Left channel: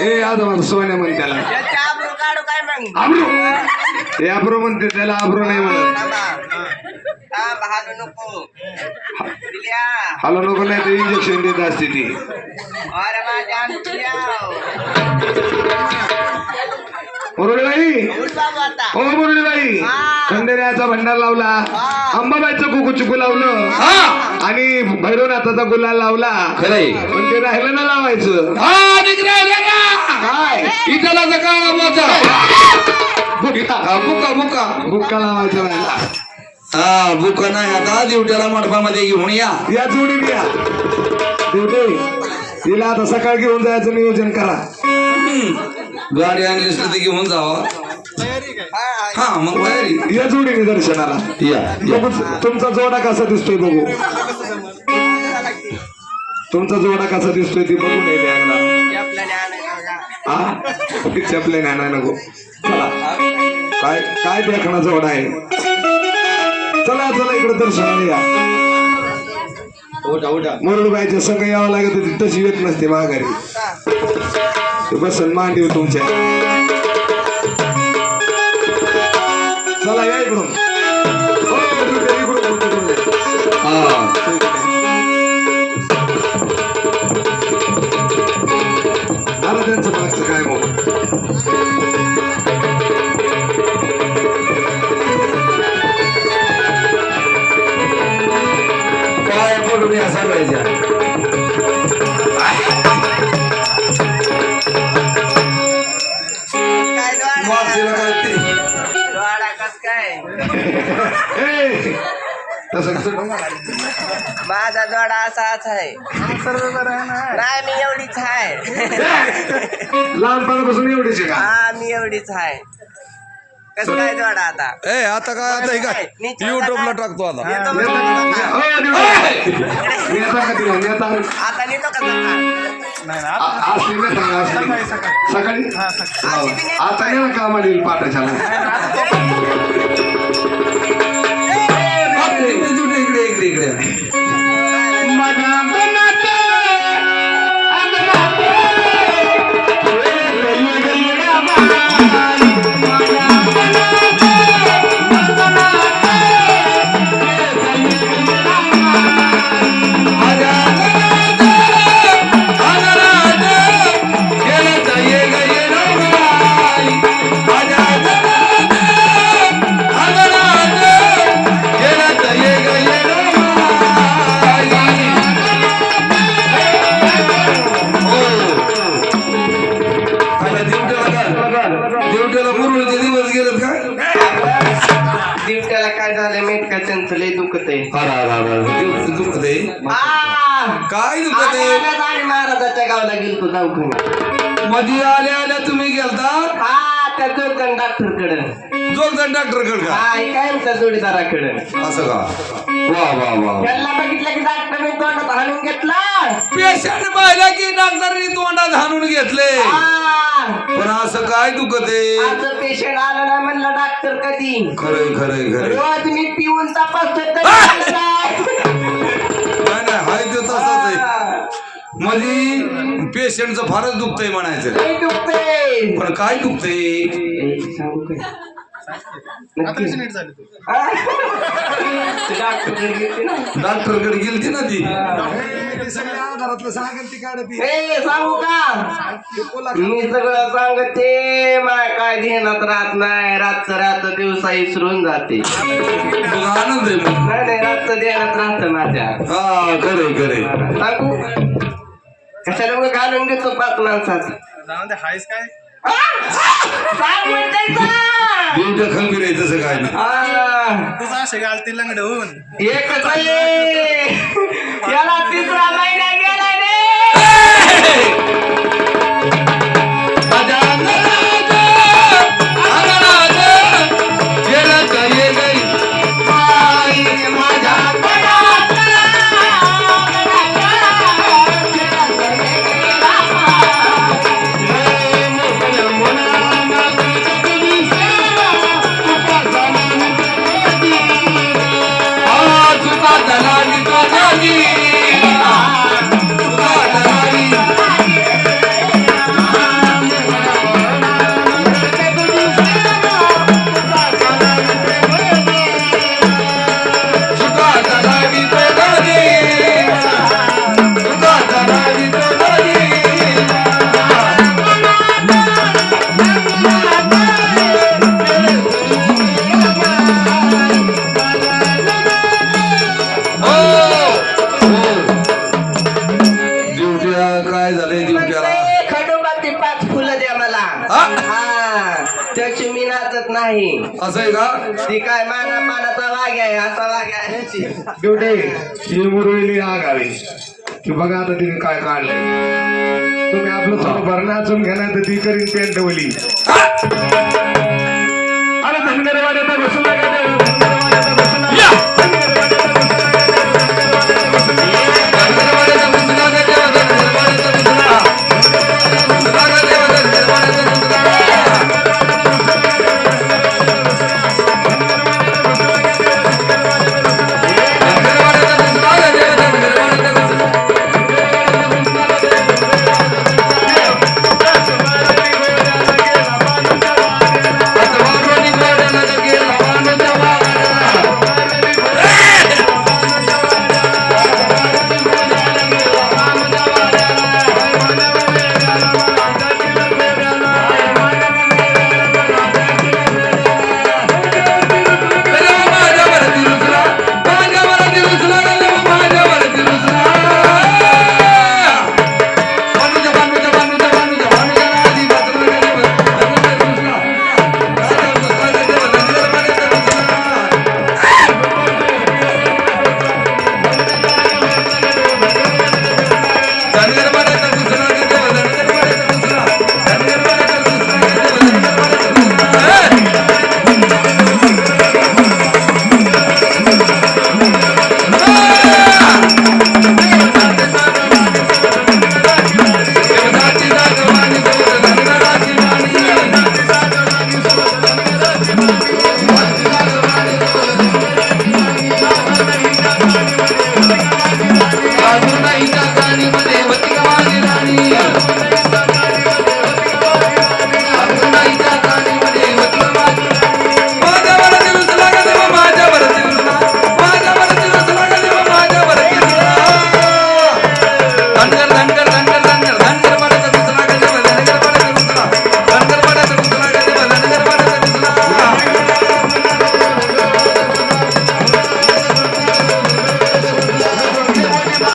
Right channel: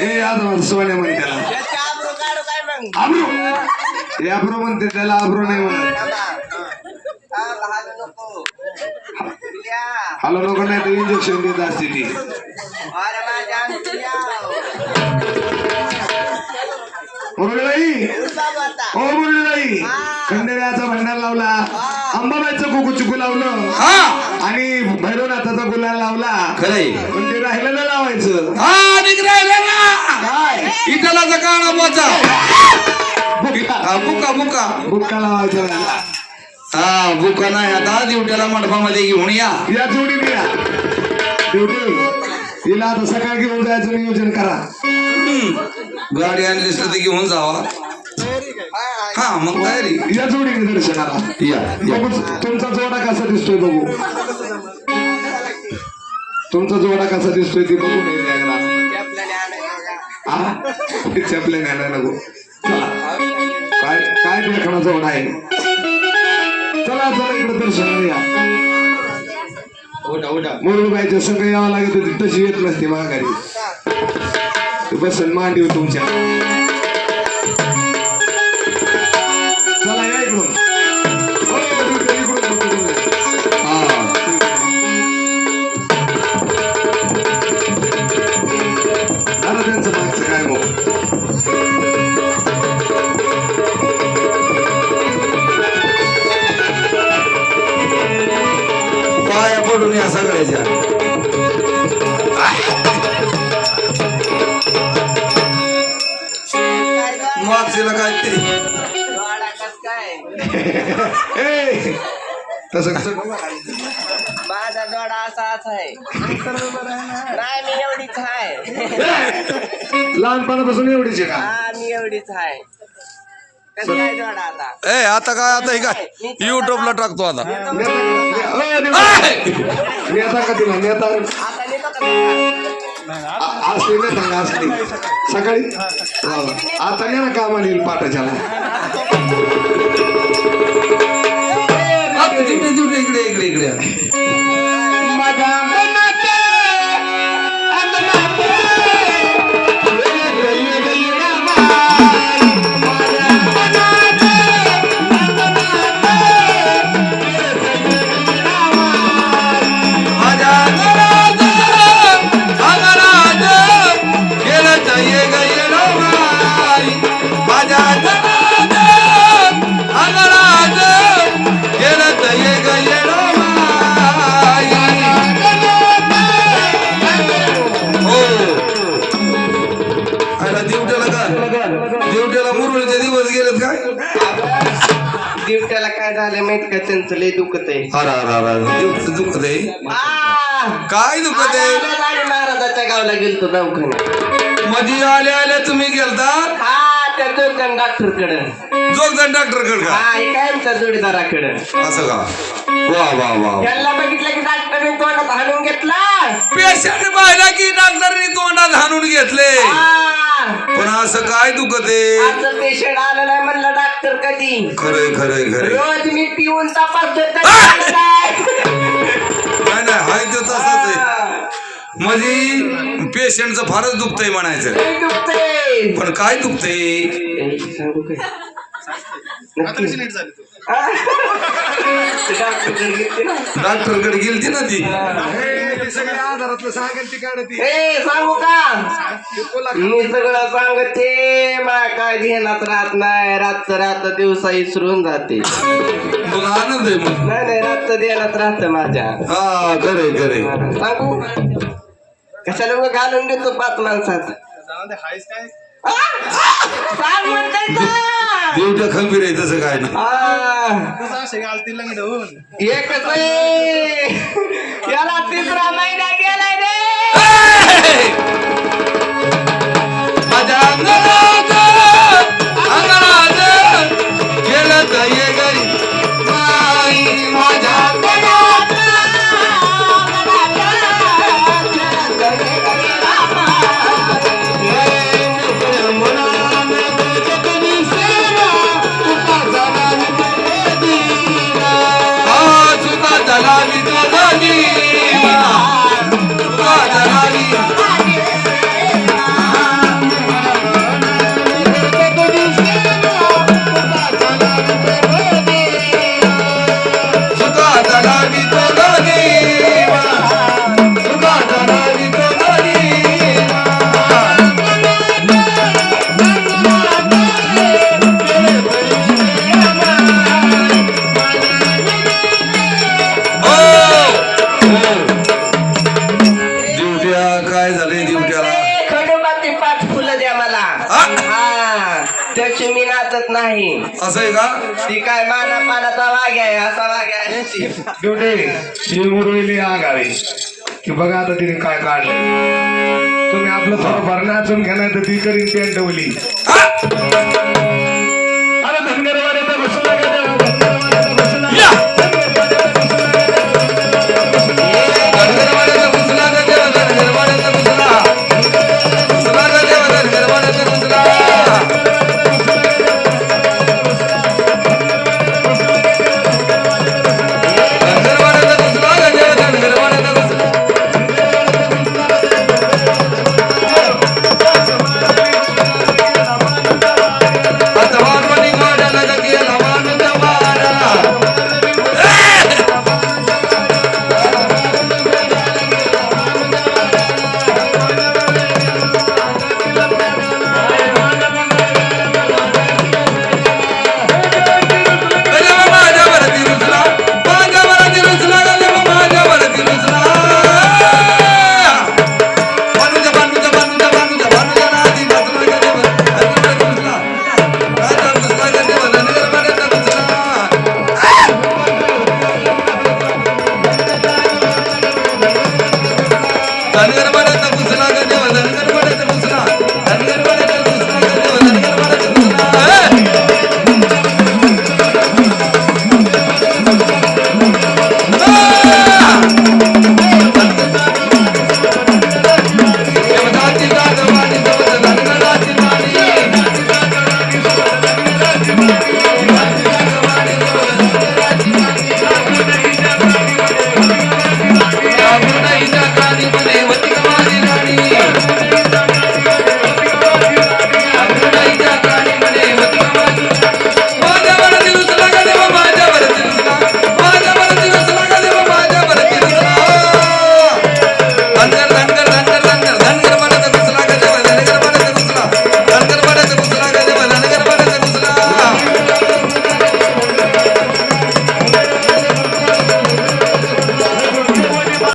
ए माझं सोन्या म्हण त्याला. आबरू मग? आब्रो? म्हणते त्याला आब्रो नाही हालू नको. नाही ते इंजेक्शन देत असते ती. मुरळीबाई हा. खंडेऱ्याचा भंडार लावला. अंबाबाईचं कुकू चिकू लावलं. हा. आणि भैरवनाथाचा गुलाल लावला. खरंय. पण ते राहिलं ना लावायचं काय? इथला काळा हा बुका बुका. बुक्का लावायचं. हा बुका नाही. आता ड्युटीला मंडपामध्ये घेऊन या. या जोडीने या. ड्युटी हिला आता सकाळ घेऊन जायचं नियोजन करा. गाडी आणलीस तर ती घेऊन जावा. हा मग तयारी. या जोडीने दर्शनाला. या तुमचा जोडा कसा दिसतोय बघू. तुमचा जोडा कसा दिसतोय ते बघू नाही बघा हा? नको. चला. काय काय देखणा जोडा आहे? चला चला इकडे दर्शनाला या. म्हणून उठा. मुरळीबाईच्या संघ यावं लागत होती तशी येत नसते माघारी. ते बसन मांडीव तुमच्या. चला या इकडून. तसं माझा जोडा असाच आहे. नाही मी एवढीच आहे. लहानपणापासून एवढीच आहे का? हा मी एवढीच आहे. कस काय जोडा आता? ए आता काय आता हे काय? युट्यूबला टाकतो आता. येतो नेता म्हणजे हो, नेता. नेता का तिला? नेता आता नेतो का सकाळ आ- आज ते नेता का आज ते? सकाळी आज बी नेतो आता नाही ना कामाला येईल पाठाच्या इकडे झालं माहीत का त्यांचं लय दुखत आहे? अरे अरे अरे दिवट दुखत आहे! काय दुखत आहे? महाराजाच्या गावाला गेलतो दवाखान्यात. मधी आल्या आल्या तुम्ही गेलता हा त्या जोगजण डॉक्टरकडे जोगजण डॉक्टरकडे का काय आमच्या जोडीदाराकडे? असं का? वा वा वा. त्यांना बघितलं की डॉक्टरने तोंडात हाणून घेतला. पेशंट पाहिला की डॉक्टरनी तोंडात हाणून घेतले! पण असं काय दुखत पेशंट आलं नाही म्हणलं डॉक्टर कधी. खरंय खरंय खरंय. रोज मी पिऊन काय? नाही नाही हाय ते तसंच आहे. म्हणजे पेशंटचं फारच दुखतंय म्हणायचं. पण काय दुखतंय? काय? ते? डॉक्टरकडे गेलते ना. ती. सगळ्या आधारातलं सांगेल ती काढती ए, सांगू का? मी सगळं सांगते मा काय ध्यानात राहत नाही. रातचं रात दिवसा इसरून जाते. मग आनंद आहे मग. नाही नाही रातचं ध्यानात राहत माझ्या. हा सांगू? कशाला उगा घालून घेतो पाच माणसात म्हणते तर. दिवट्या खंबीर आहे तसं काय नाही आ, एकच आहे. याला तिसरा त्याची मी नाचत नाही. असं आहे का? ती काय माना पानाचा वाघ आहे असा वाघ आहे. ड्युटी ही मुरळी आगावी की बघा आता तिने काय काढलंय. तुम्ही आपलं थोडंफार नाचून घ्या नाही तर ती करीन पेंट